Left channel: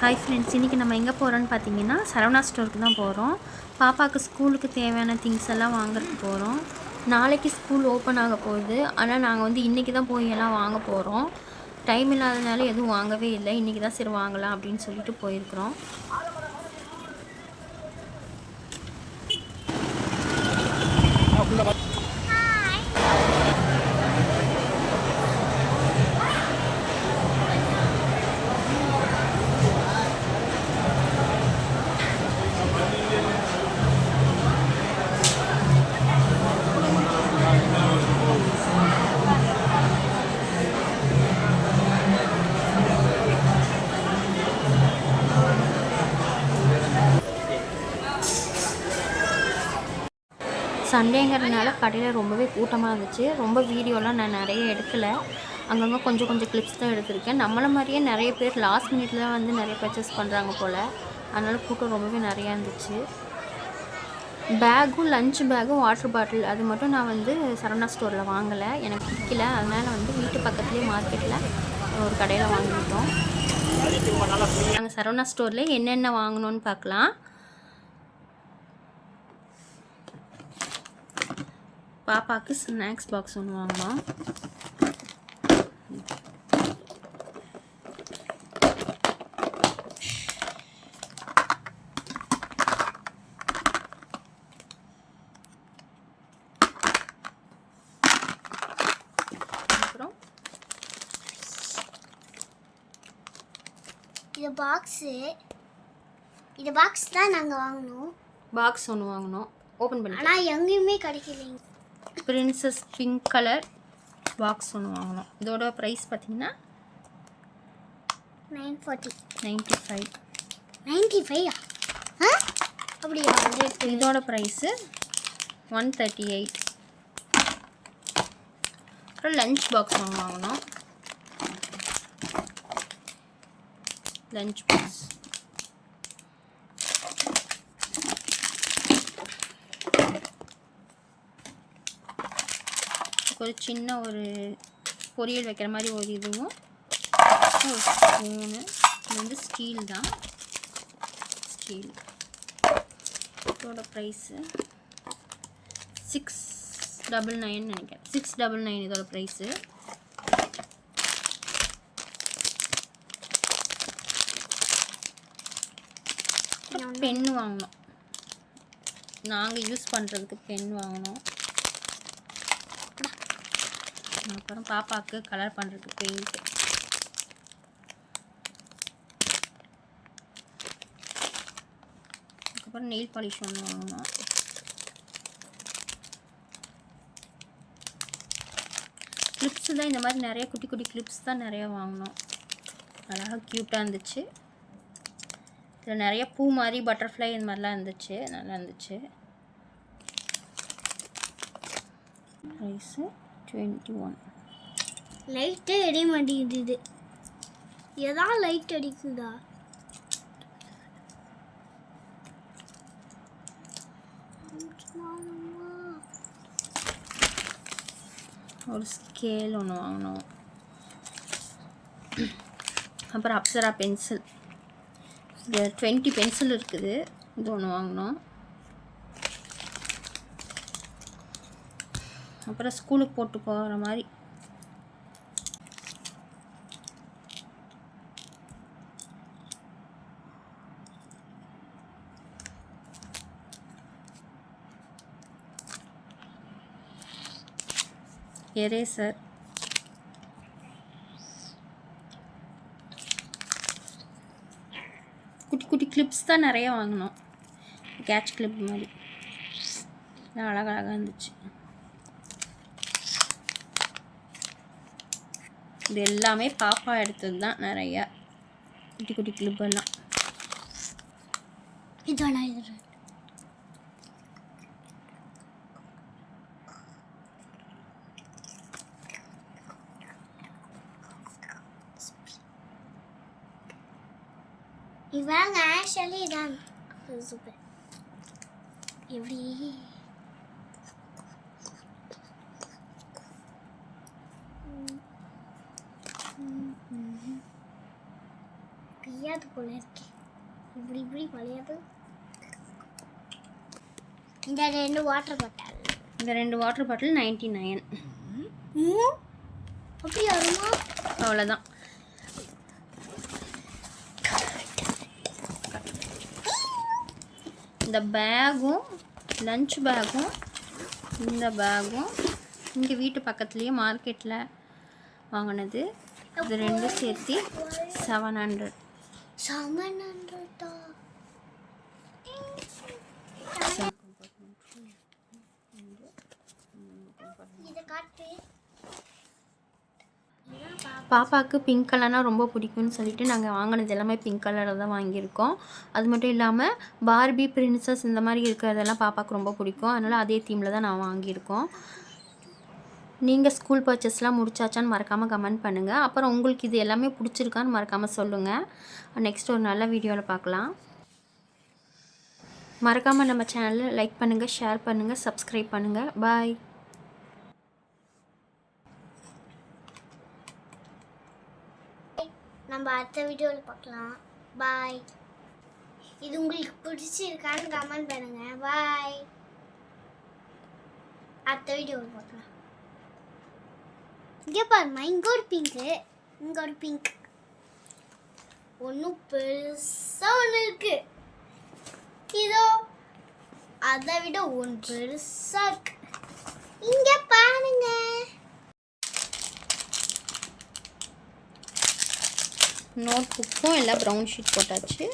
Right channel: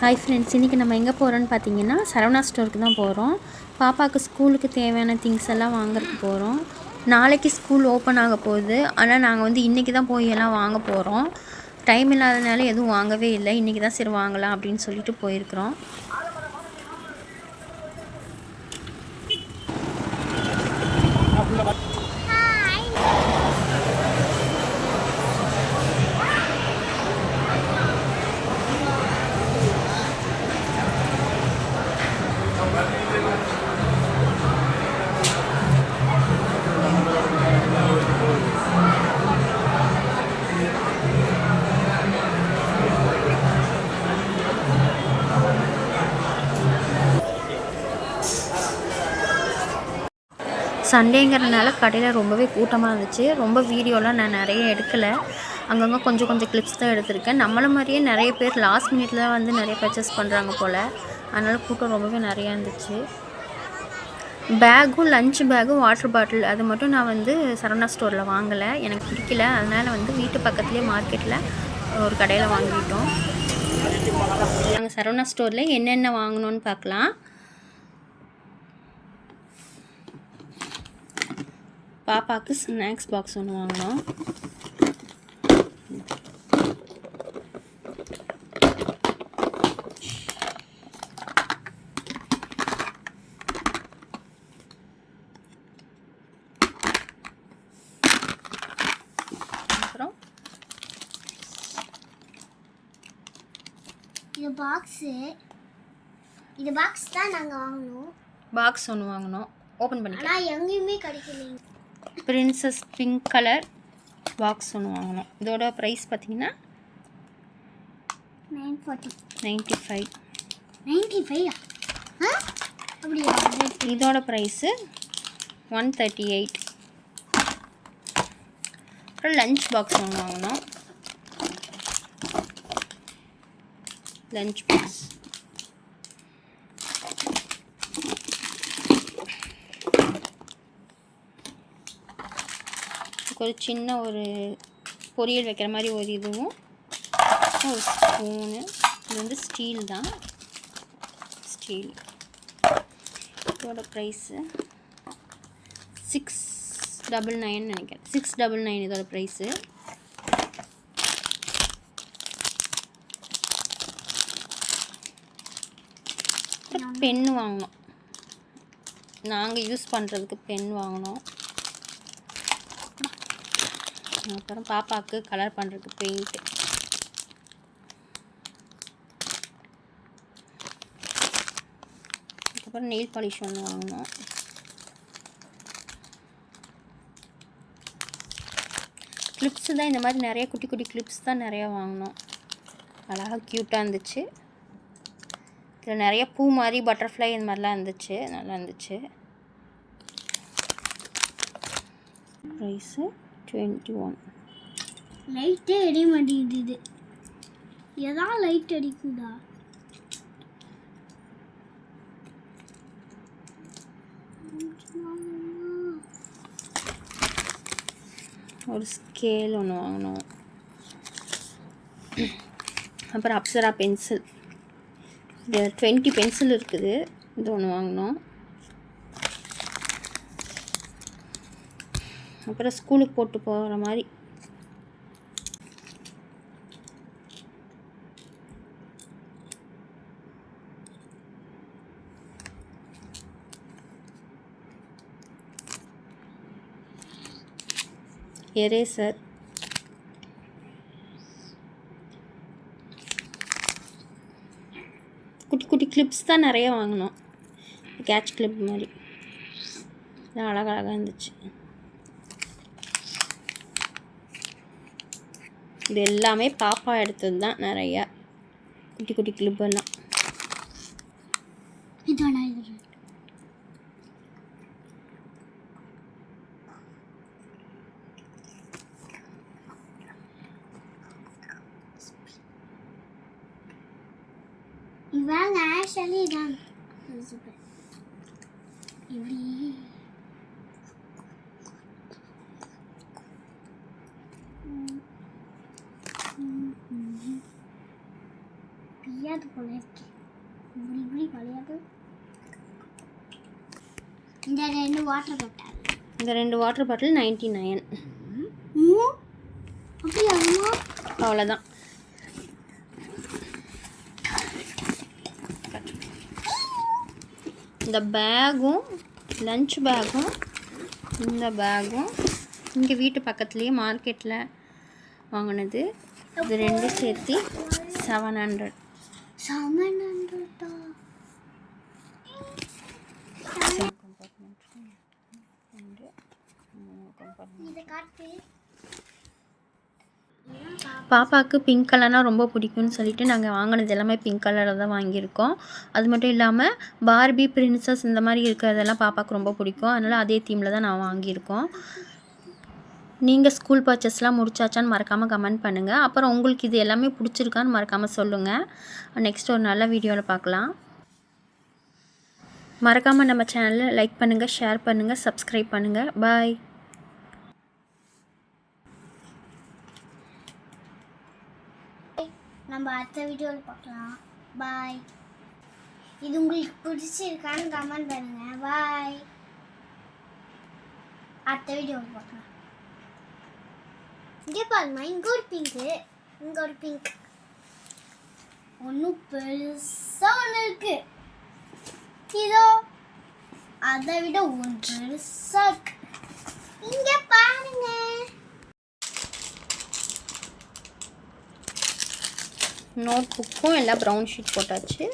Hi friends, இன்றைக்கி நம்ம எங்கே போகிறோன்னு பார்த்தீங்கன்னா சரவணா ஸ்டோருக்கு தான் போகிறோம். பாப்பாவுக்கு ஸ்கூலுக்கு தேவையான திங்ஸ் எல்லாம் வாங்குறதுக்கு போகிறோம். நாளைக்கு ஸ்கூல் ஓப்பன் ஆக போகுது. ஆனால் நாங்கள் வந்து இன்றைக்கி தான் போய் எல்லாம் வாங்க போகிறோம். டைம் இல்லாதனால எதுவும் வாங்கவே இல்லை. இன்றைக்கி தான் சரி வாங்கலாம் அப்படின்னு சொல்லிட்டு போயிருக்கிறோம். சண்டேங்கிறதுனால கடையில் ரொம்பவே கூட்டமாக இருந்துச்சு. ரொம்ப வீடியோலாம் நான் நிறைய எடுக்கலை. அங்கங்கே கொஞ்சம் கொஞ்சம் கிளிப்ஸ் தான் எடுத்திருக்கேன். நம்மளை மாதிரியே நிறைய பேர் லாஸ்ட் மினிட்ல தான் வந்து நிறைய பர்ச்சேஸ் பண்ணுறாங்க போல். அதனால் கூட்டம் ரொம்பவே நிறையா இருந்துச்சு. பேக்கும் லஞ்ச் பேக்கும் வாட்டர் பாட்டில் அது மட்டும் நான் வந்து சரவணா ஸ்டோரில் வாங்கலை. எனக்கு பிடிக்கல. அதனால் வந்து வீட்டு பக்கத்துலேயே மார்க்கெட்டில் ஒரு கடையில் வாங்கிட்டோம். நாங்கள் சரவணா ஸ்டோரில் என்னென்ன வாங்கணும்னு பார்க்கலாம். பாப்பாவுக்கு ஸ்நாக்ஸ் பாக்ஸ் ஒன்று வாங்கினோம். அப்புறம் இது பாக்ஸ் தான் நாங்கள் வாங்கினோம். பாக்ஸ் ஒன்று வாங்கினோம். ஓப்பன் பண்ணிக்கலாம். ஆனால் எங்கேயுமே கிடைக்கலைங்க. பிரின்சஸ் பிங்க் கலர் பாக்ஸ் ஒன்று வாங்கினோம். இதோட ப்ரைஸ் பார்த்தீங்கன்னா 95. அப்படியா? இதோட ப்ரைஸு 138. அப்புறம் லஞ்ச் பாக்ஸ் ஒன்று வாங்கினோம். லஞ்ச் பாக்ஸ் ஒரு சின்ன ஒரு பொரியல் வைக்கிற மாதிரி ஒரு இதுவும் ஒரு ஸ்பூனு. இது வந்து ஸ்டீல் தான். ஸ்டீல். இதோட ப்ரைஸு 699 நினைக்கிறேன். 699 இதோட ப்ரைஸு. பென்னு வாங்கினோம். நாங்கள் யூஸ் பண்ணுறதுக்கு பென் வாங்கினோம். அப்புறம் பாப்பாவுக்கு கலர் பண்ணுறதுக்கு பெயிண்ட். அதுக்கப்புறம் நெயில் பாலிஷ் ஒன்று வாங்கினோம். கிளிப்ஸு தான். இந்த மாதிரி நிறைய குட்டி குட்டி கிளிப்ஸ் தான் நிறையா வாங்கினோம். அழகாக க்யூட்டாக இருந்துச்சு. இதில் நிறைய பூ மாதிரி பட்டர்ஃப்ளை இந்த மாதிரிலாம் இருந்துச்சு. நல்லா இருந்துச்சு. ப்ரைஸு 21. லைட்டே எரிய மாட்டேங்குது. எதாவது லைட் அடிக்குதா? ஒரு ஸ்கேல் ஒன்று வாங்கினோம். அப்புறம் அப்சரா பென்சில். இது 20 பென்சில் இருக்குது. இது ஒன்று வாங்கினோம். அப்புறம் ஸ்கூலுக்கு போட்டு போகிற மாதிரி எரேசர். குட்டி குட்டி கிளிப்ஸ் தான் நிறைய வாங்கினோம். கேட்ச் கிளிப் மாதிரி அழகழகாக இருந்துச்சு. இது எல்லாமே பாப்பா எடுத்தது தான். நிறையா குட்டி குட்டி கிளிப் எல்லாம். இவங்க ஆக்சுவலி தான் இப்படி வளையாது போல இருக்கு. இப்படி இப்படி வளையாது. இந்த 2 வாட்டர் பாட்டில். இந்த 2 வாட்டர் பாட்டில் 99. அப்படி வருமா? அவ்வளோதான். இந்த பேகும் லஞ்ச் பேகும் இந்த பேகும் இங்கே வீட்டு பக்கத்துலேயே மார்க்கெட்டில் வாங்கினது. இது 2 சேர்த்து 700. 700 இதை காட்டு. பாப்பாவுக்கு பிங்க் கலர்னால் ரொம்ப பிடிக்கும்னு சொல்லிட்டு நாங்கள் வாங்கினது எல்லாமே பிங்க் கலரில் தான் வாங்கியிருக்கோம். அது மட்டும் இல்லாமல் பார்பி பிரின்சஸ் இந்த மாதிரி இருக்கிறதெல்லாம் பாப்பாவுக்கு ரொம்ப பிடிக்கும். அதனால் அதே தீமில் தான் நான் வாங்கியிருக்கோம். நீங்கள் ஸ்கூல் பர்ச்சேஸ்லாம் முடிச்சாச்சான்னு மறக்காமல் கமெண்ட் பண்ணுங்கள். அப்புறம் உங்களுக்கு இது எல்லாமே பிடிச்சிருக்கான்னு மறக்காமல் சொல்லுங்கள். நெக்ஸ்ட் ஒரு நல்ல வீடியோவில் பார்க்கலாம். மறக்காமல் நம்ம சேனலை லைக் பண்ணுங்கள், ஷேர் பண்ணுங்கள், சப்ஸ்கிரைப் பண்ணுங்கள். பாய். நம்ம அடுத்த வீடியோவில் பார்க்கலாம். பாய். இது உங்களுக்கு பிடிச்சிருக்கான்னு கமெண்ட் பண்ணுங்க. பாய். அடுத்த வீடியோவில் பார்க்கலாம். இங்கே பாருமா, இங்கே ஒரு பிங்க்கு, இங்கே ஒரு பிங்க். ஒன்றும் பெருசாக ஒன்று இருக்கு. இதோ அதை விட ஒன்று பெருசாக இருக்கு. இங்கே பாருங்க. நோட் புக்கும் எல்லாம் ப்ரௌன் ஷீட் போட்டாச்சு.